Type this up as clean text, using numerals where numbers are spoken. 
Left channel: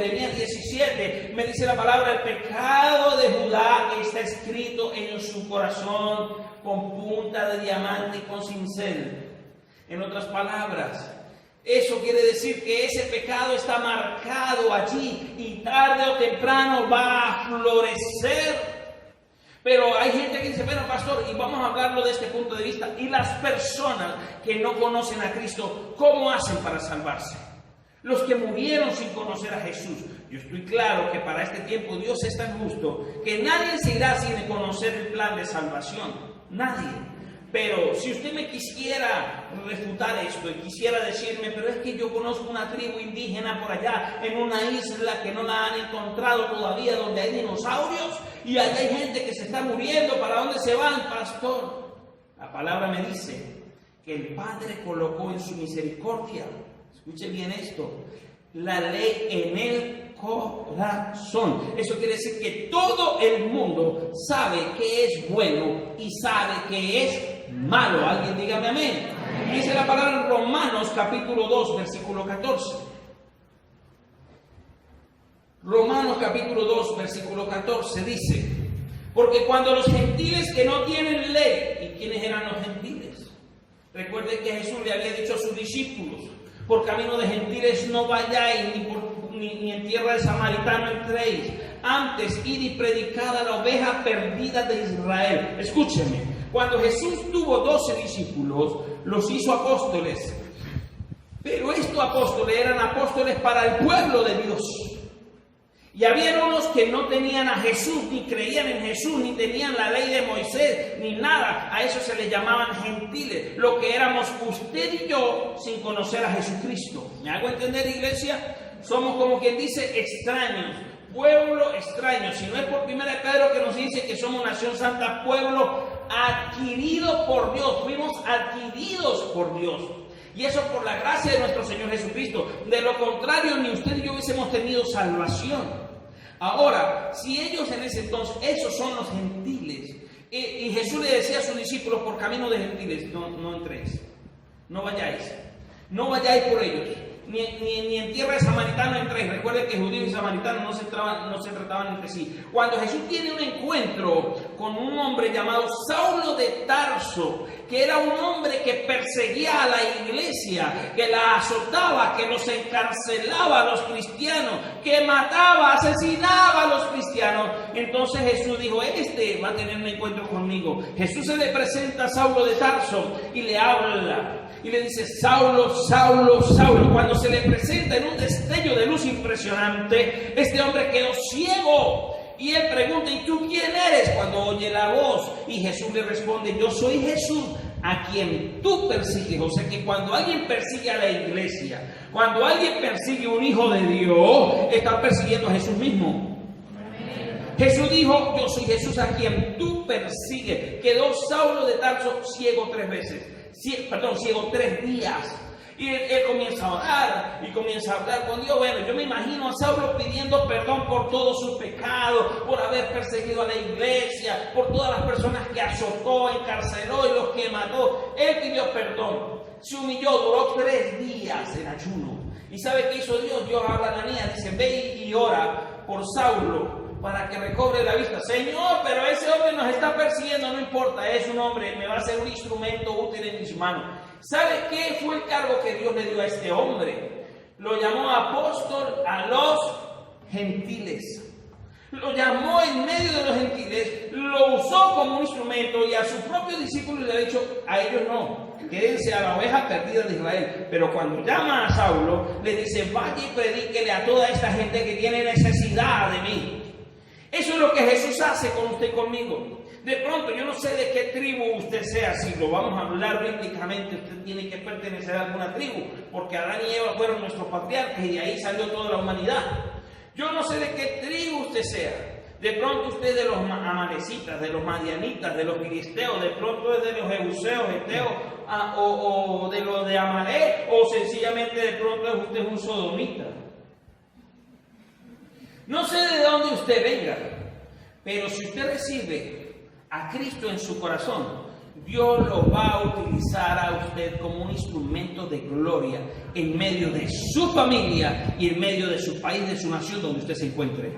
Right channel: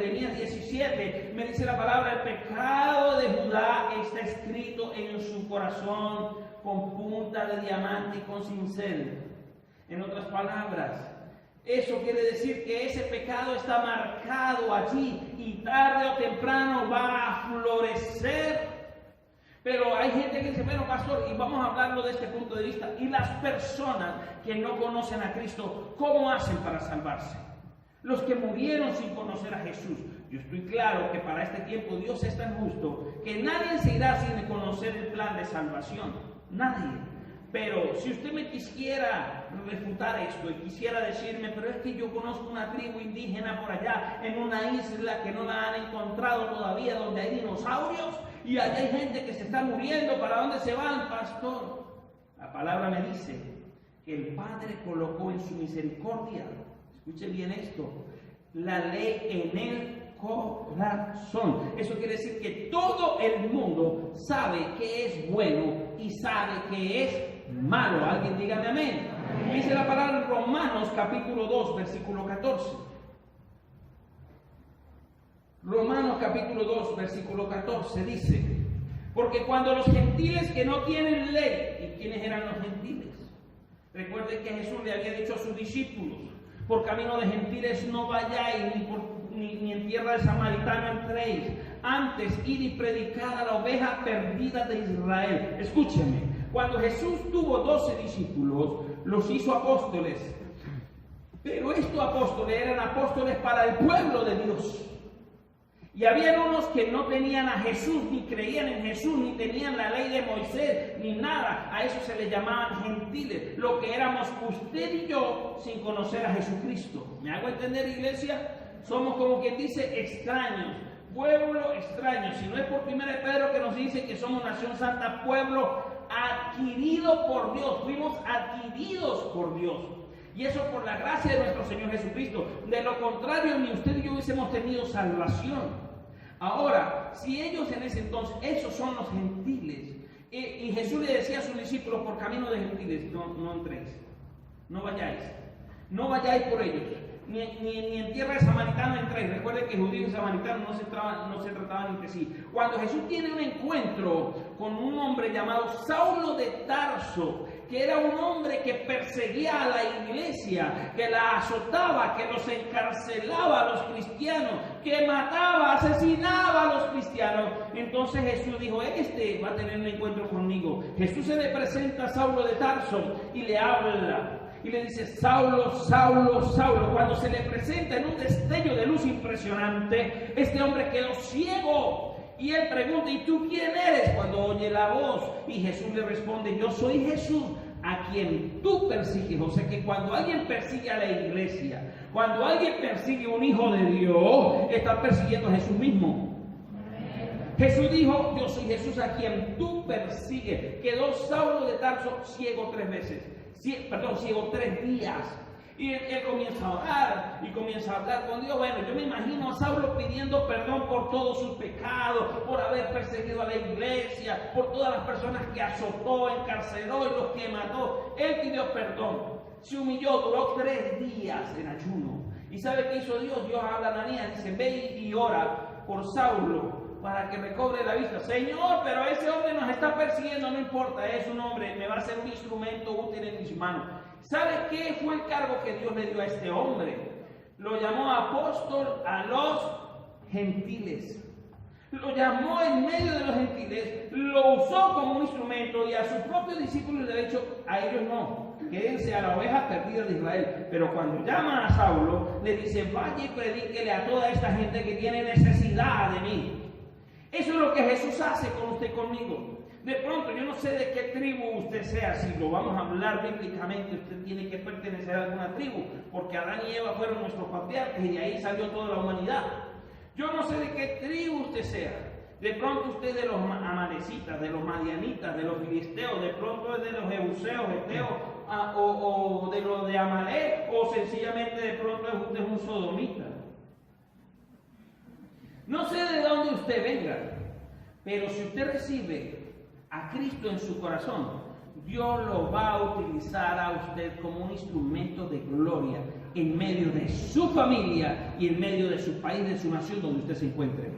Jeremías 17, me dice la palabra, el pecado de Judá está escrito en su corazón con punta de diamante y con cincel. En otras palabras, eso quiere decir que ese pecado está marcado allí y tarde o temprano va a florecer. Pero hay gente que dice, bueno, pastor, y vamos a hablarlo de este punto de vista, y las personas que no conocen a Cristo, ¿cómo hacen para salvarse? Los que murieron sin conocer a Jesús. Yo estoy claro que para este tiempo Dios es tan justo que nadie se irá sin conocer el plan de salvación. Nadie. Pero si usted me quisiera refutar esto y quisiera decirme, pero es que yo conozco una tribu indígena por allá, en una isla que no la han encontrado todavía, donde hay dinosaurios, y allá hay gente que se está muriendo, ¿para dónde se van, pastor? La palabra me dice que el Padre colocó en su misericordia, escuche bien esto, la ley en el corazón. Eso quiere decir que todo el mundo sabe que es bueno y sabe que es malo. Alguien dígame amén. Dice la palabra en Romanos capítulo 2 versículo 14. Romanos capítulo 2 versículo 14 dice, porque cuando los gentiles que no tienen ley, ¿y quiénes eran los gentiles? Recuerden que Jesús le había dicho a sus discípulos, por camino de gentiles no vayáis, ni en tierra de samaritano entréis, antes id y predicad a la oveja perdida de Israel. Escúcheme, cuando Jesús tuvo 12 discípulos, los hizo apóstoles, pero estos apóstoles eran apóstoles para el pueblo de Dios. Y había unos que no tenían a Jesús, ni creían en Jesús, ni tenían la ley de Moisés, ni nada. A eso se les llamaban gentiles, lo que éramos usted y yo sin conocer a Jesucristo. ¿Me hago entender, iglesia? Somos como quien dice extraños, pueblo extraño. Si no es por 1 Pedro que nos dice que somos nación santa, pueblo adquirido por Dios. Fuimos adquiridos por Dios. Y eso por la gracia de nuestro Señor Jesucristo. De lo contrario, ni usted y yo hubiésemos tenido salvación. Ahora, si ellos en ese entonces, esos son los gentiles, y Jesús le decía a sus discípulos por camino de gentiles, no entréis, no vayáis por ellos, ni en tierra de samaritano entréis. Recuerden que judíos y samaritanos no se trataban entre sí. Cuando Jesús tiene un encuentro con un hombre llamado Saulo de Tarso, que era un hombre que perseguía a la iglesia, que la azotaba, que los encarcelaba a los cristianos, que mataba, asesinaba a los cristianos. Entonces Jesús dijo, este va a tener un encuentro conmigo. Jesús se le presenta a Saulo de Tarso y le habla. Y le dice, Saulo, Saulo, Saulo. Cuando se le presenta en un destello de luz impresionante, este hombre quedó ciego. Y él pregunta, ¿y tú quién eres? Cuando oye la voz. Y Jesús le responde, yo soy Jesús, a quien tú persigues. O sea que cuando alguien persigue a la iglesia, cuando alguien persigue a un hijo de Dios, está persiguiendo a Jesús mismo. Jesús dijo, yo soy Jesús a quien tú persigues. Quedó Saulo de Tarso ciego 3 veces. Ciego 3 días. Y él comienza a orar y comienza a hablar con Dios. Bueno, yo me imagino a Saulo pidiendo perdón por todos sus pecados, por haber perseguido a la iglesia, por todas las personas que azotó, encarceló y los que mató. Él pidió perdón, se humilló, duró 3 días en ayuno. ¿Y sabe qué hizo Dios? Dios habla a Ananías, dice, ve y ora por Saulo para que recobre la vista. Señor, pero ese hombre nos está persiguiendo, no importa, es un hombre, me va a ser un instrumento útil en mis manos. ¿Sabe qué fue el cargo que Dios le dio a este hombre? Lo llamó apóstol a los gentiles. Lo llamó en medio de los gentiles, lo usó como un instrumento y a sus propios discípulos le ha dicho, a ellos no, quédense a la oveja perdida de Israel. Pero cuando llama a Saulo, le dice, vaya y predíquele a toda esta gente que tiene necesidad de mí. Eso es lo que Jesús hace con usted y conmigo. De pronto, yo no sé de qué tribu usted sea, si lo vamos a hablar bíblicamente, usted tiene que pertenecer a alguna tribu, porque Adán y Eva fueron nuestros patriarcas y de ahí salió toda la humanidad. Yo no sé de qué tribu usted sea. De pronto usted es de los amalecitas, de los madianitas, de los filisteos, de pronto es de los jebuseos, heteos, o de los de Amalek, o sencillamente de pronto usted es un sodomita. No sé de dónde usted venga, pero si usted recibe a Cristo en su corazón, Dios lo va a utilizar a usted como un instrumento de gloria en medio de su familia y en medio de su país, de su nación donde usted se encuentre.